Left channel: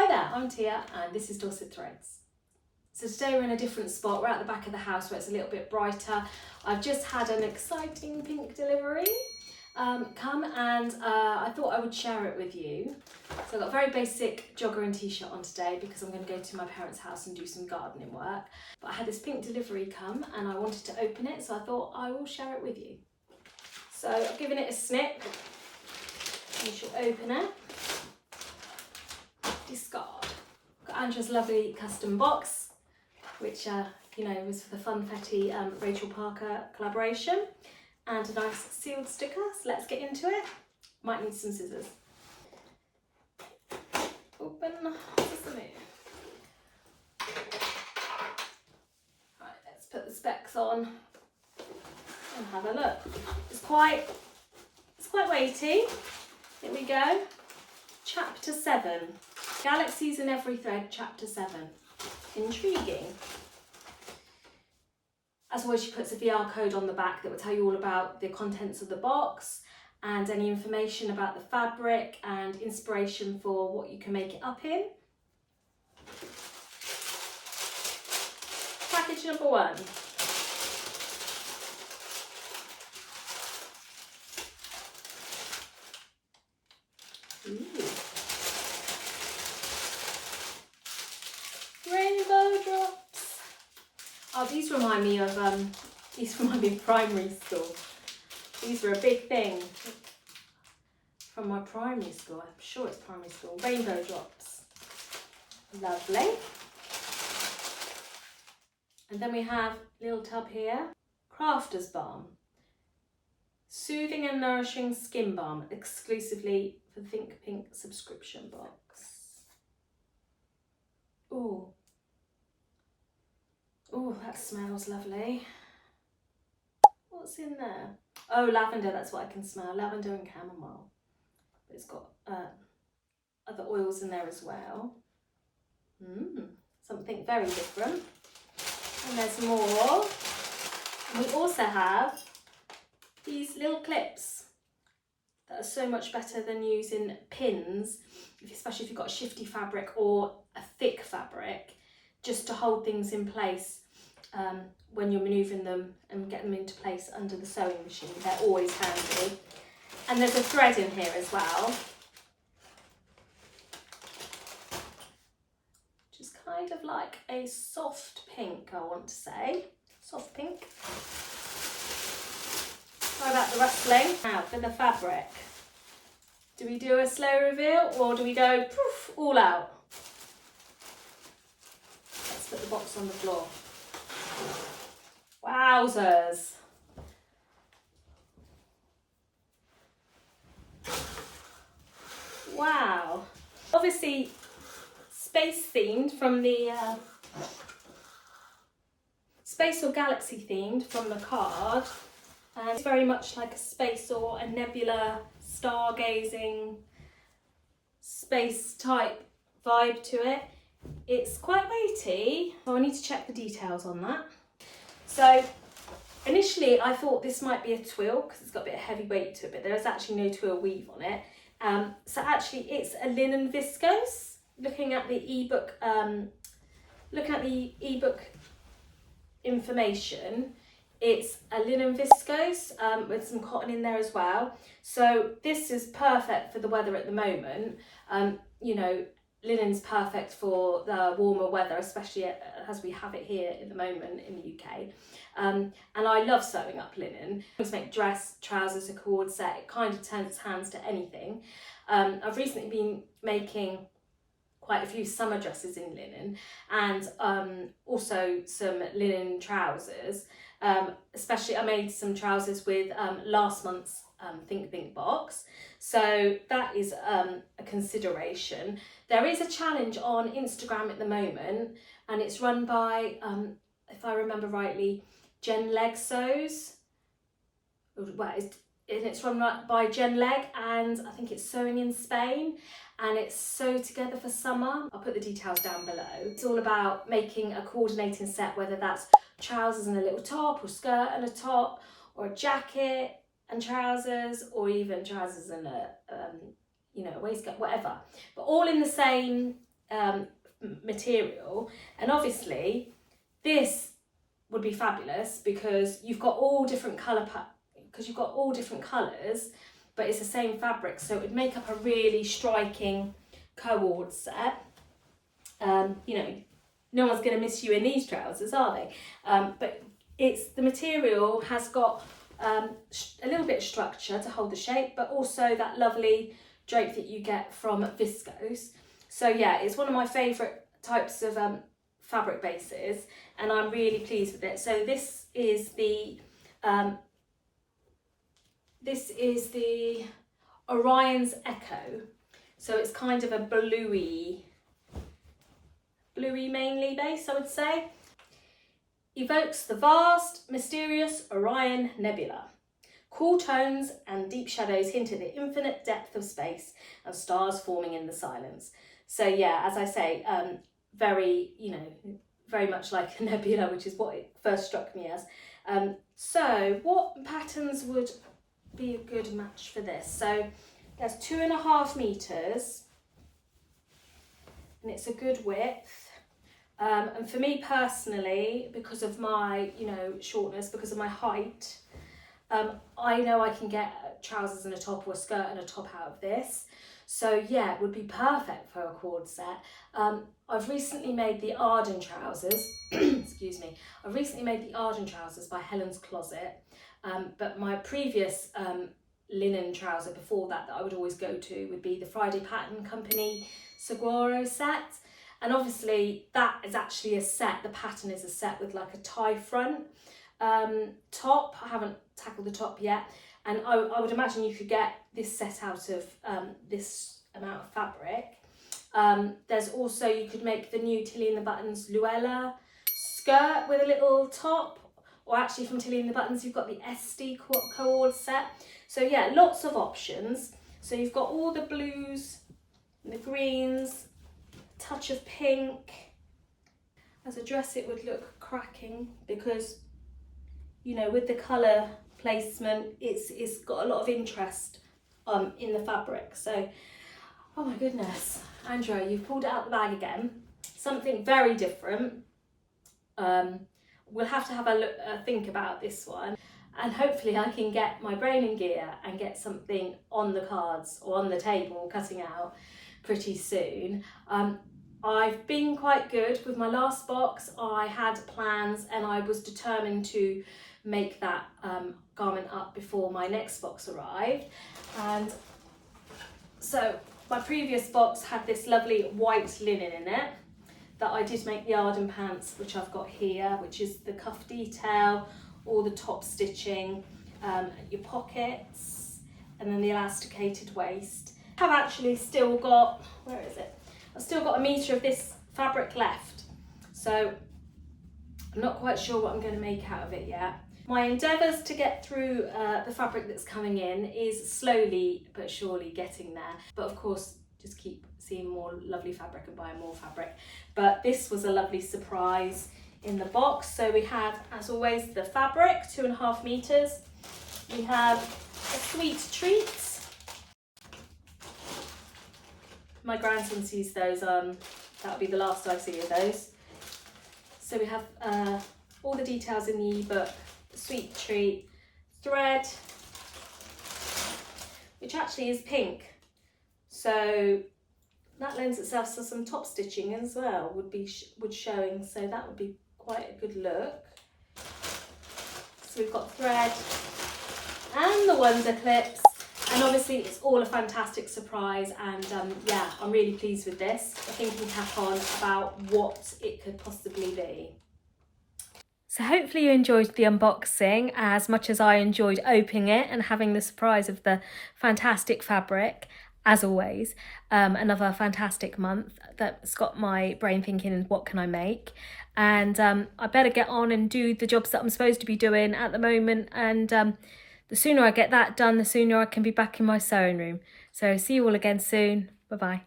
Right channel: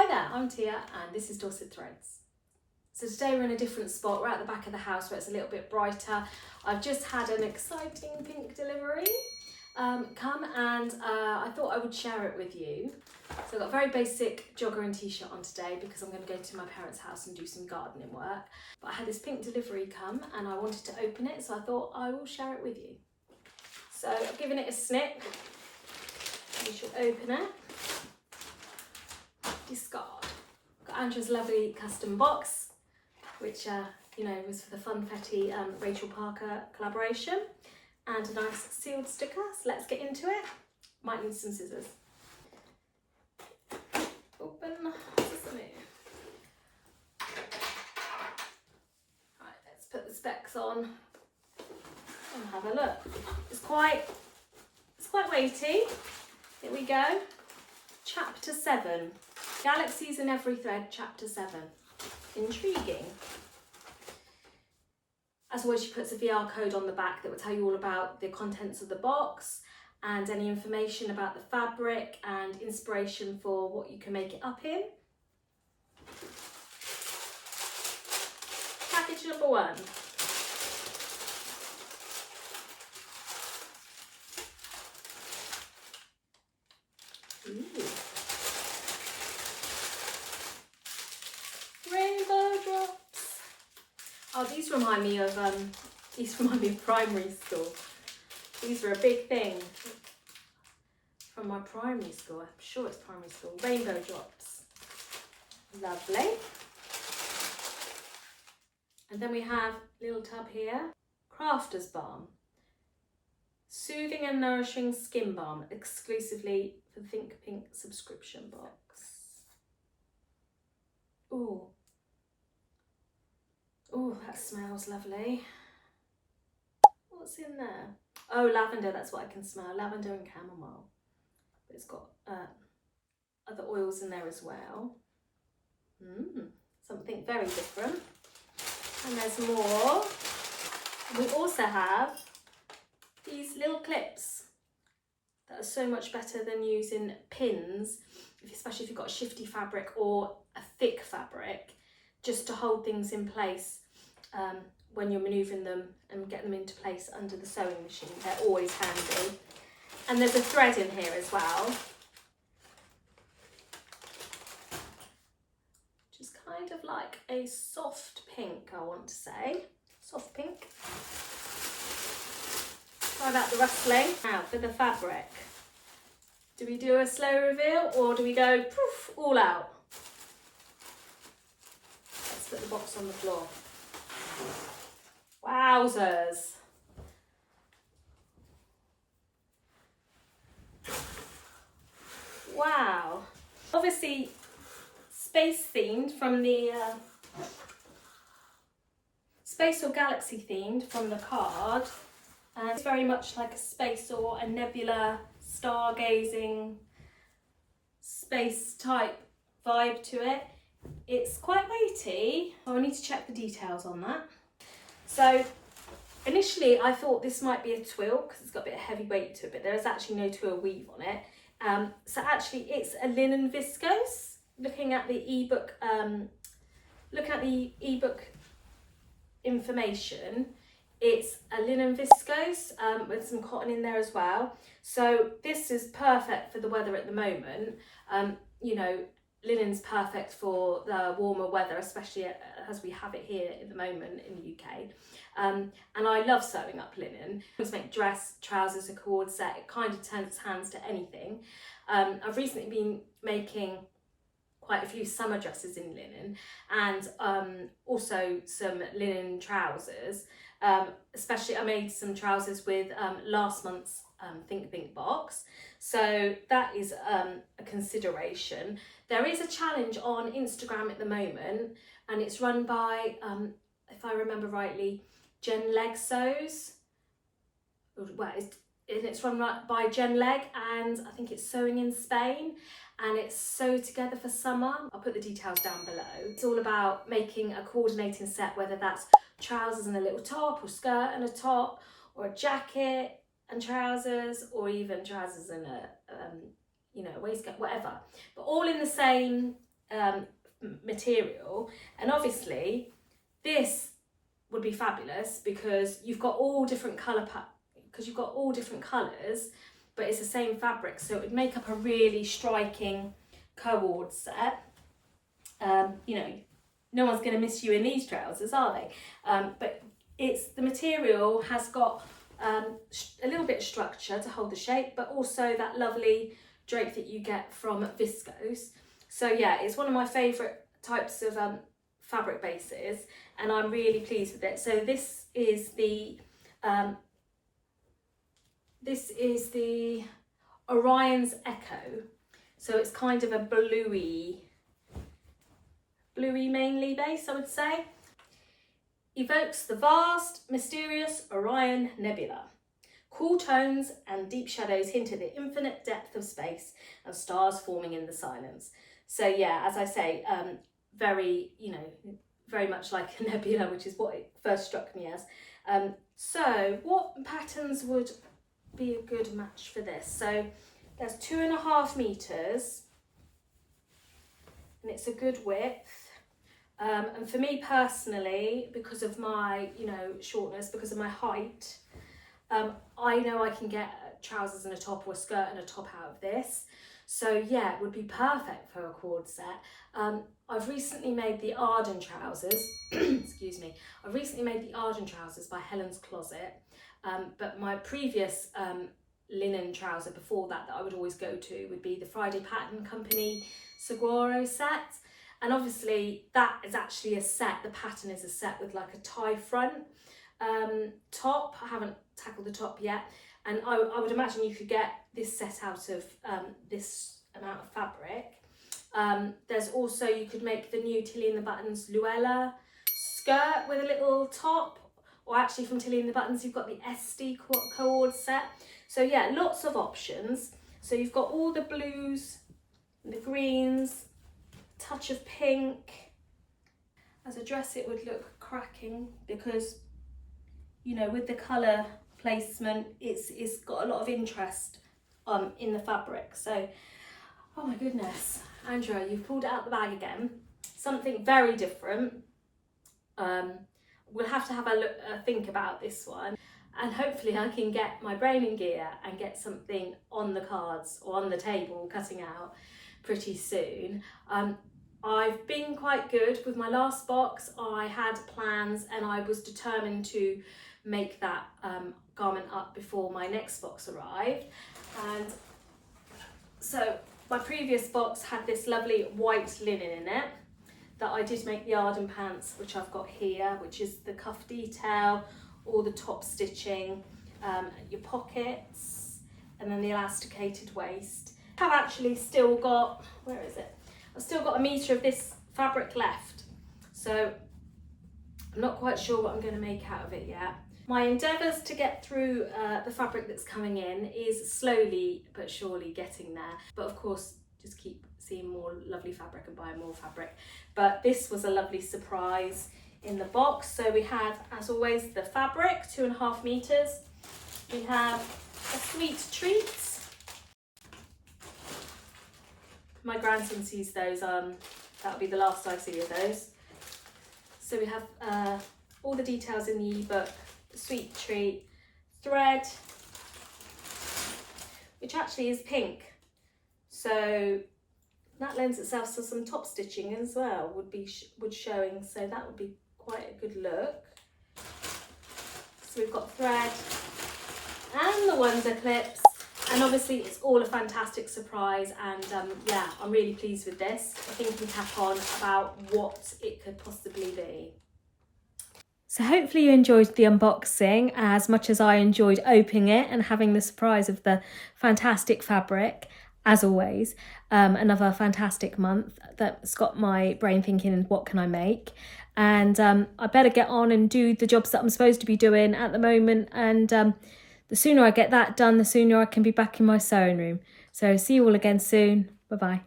Hi there, I'm Tia and this is Dorset.Threads. So today we're in a different spot. We're at the back of the house where it's a little bit brighter. I've just had an exciting pink delivery come and I thought I would share it with you. So I've got a very basic jogger and t-shirt on today because I'm going to go to my parents' house and do some gardening work. But I had this pink delivery come and I wanted to open it, so I thought I will share it with you. So I've given it a snip. You should open it. Discard. Got Andrew's lovely custom box, which was for the Funfetti Rachel Parker collaboration, and a nice sealed sticker. So let's get into it. Might need some scissors. Open. Sesame. Right, let's put the specs on and have a look. It's quite weighty. Here we go. Chapter 7. Galaxies in Every Thread, Chapter 7. Intriguing. As always, she puts a VR code on the back that will tell you all about the contents of the box and any information about the fabric and inspiration for what you can make it up in. Package number 1. Ooh. Rainbow drops. Oh, these remind me of primary school. These were a big thing from my primary school. I'm sure it's primary school. Rainbow drops. Lovely. And then we have a little tub here. Crafter's Balm. Soothing and nourishing skin balm exclusively for the Think Pink subscription box. Ooh. Oh, that smells lovely. What's in there? Oh, lavender, that's what I can smell. Lavender and chamomile. But it's got other oils in there as well. Something very different. And there's more. And we also have these little clips that are so much better than using pins, especially if you've got a shifty fabric or a thick fabric, just to hold things in place when you're manoeuvring them and get them into place under the sewing machine. They're always handy. And there's a thread in here as well, which is kind of like a soft pink, I want to say. Soft pink. Sorry about the rustling. Now for the fabric. Do we do a slow reveal or do we go poof, all out? Let's put the box on the floor. Wowzers. Wow. Obviously space themed from the space or galaxy themed from the card, and it's very much like a space or a nebula, stargazing, space type vibe to it. It's quite weighty, so I need to check the details on that. So initially I thought this might be a twill because it's got a bit of heavy weight to it, but there is actually no twill weave on it. So actually it's a linen viscose. Looking at the ebook, information, it's a linen viscose with some cotton in there as well. So this is perfect for the weather at the moment. Linen's perfect for the warmer weather, especially as we have it here at the moment in the UK. And I love sewing up linen. I just make dress, trousers, a Co-ord set. It kind of turns its hands to anything. I've recently been making quite a few summer dresses in linen and also some linen trousers. Especially I made some trousers with last month's Think Pink box. So that is a consideration. There is a challenge on Instagram at the moment and it's run by, if I remember rightly, Jen Leg Sews. Well, it's run by Jen Leg and I think it's Sewing in Spain, and it's Sew Together for Summer. I'll put the details down below. It's all about making a coordinating set, whether that's trousers and a little top, or skirt and a top, or a jacket and trousers, or even trousers and a waistcoat, whatever. But all in the same material, and obviously this would be fabulous because you've got all different colours, but it's the same fabric, so it would make up a really striking Co-ord set. You know, no one's going to miss you in these trousers, are they? But the material has got a little bit of structure to hold the shape, but also that lovely drape that you get from viscose. So yeah, it's one of my favourite types of fabric bases, and I'm really pleased with it. So this is the Orion's Echo. So it's kind of a bluey mainly base, I would say. Evokes the vast, mysterious Orion Nebula. Cool tones and deep shadows hint at the infinite depth of space and stars forming in the silence. So yeah, as I say, very much like a nebula, which is what it first struck me as. So what patterns would be a good match for this? So there's 2.5 meters, and it's a good width. And for me personally, because of my, shortness, because of my height, I know I can get trousers and a top or a skirt and a top out of this. So yeah, it would be perfect for a cord set. I've recently made the Arden trousers, excuse me. I've recently made the Arden trousers by Helen's Closet, but my previous linen trouser before that I would always go to would be the Friday Pattern Company Saguaro set. And obviously that is actually a set, the pattern is a set with like a tie front top. I haven't tackled the top yet. And I would imagine you could get this set out of this amount of fabric. There's also, you could make the new Tilly and the Buttons Luella skirt with a little top, or actually from Tilly and the Buttons you've got the Esti Co-ord set. So yeah, lots of options. So you've got all the blues and the greens, touch of pink. As a dress it would look cracking because, with the colour placement, it's got a lot of interest in the fabric. So, oh my goodness, Andrea, you've pulled it out the bag again. Something very different. We'll have to have a think about this one, and hopefully I can get my brain in gear and get something on the cards or on the table cutting out pretty soon. I've been quite good with my last box. I had plans and I was determined to make that garment up before my next box arrived. And so my previous box had this lovely white linen in it that I did make the Arden pants, which I've got here, which is the cuff detail, all the top stitching, your pockets, and then the elasticated waist. I've actually still got, where is it? I've still got 1 meter of this fabric left, so I'm not quite sure what I'm going to make out of it yet. My endeavours to get through the fabric that's coming in is slowly but surely getting there, but of course just keep seeing more lovely fabric and buying more fabric. But this was a lovely surprise in the box. So we had, as always, the fabric, 2.5 meters. We have a sweet treat. My grandson sees those, that'll be the last I see of those. So we have all the details in the ebook, the sweet treat, thread, which actually is pink. So that lends itself to some top stitching as well, would showing, so that would be quite a good look. So we've got thread and the Wonder clips, and obviously it's all a fantastic surprise, and yeah, I'm really pleased with this. I think we can tap on about what it could possibly be. So hopefully you enjoyed the unboxing as much as I enjoyed opening it and having the surprise of the fantastic fabric. As always, another fantastic month that's got my brain thinking, what can I make? And I better get on and do the jobs that I'm supposed to be doing at the moment. And the sooner I get that done, the sooner I can be back in my sewing room. So see you all again soon. Bye-bye.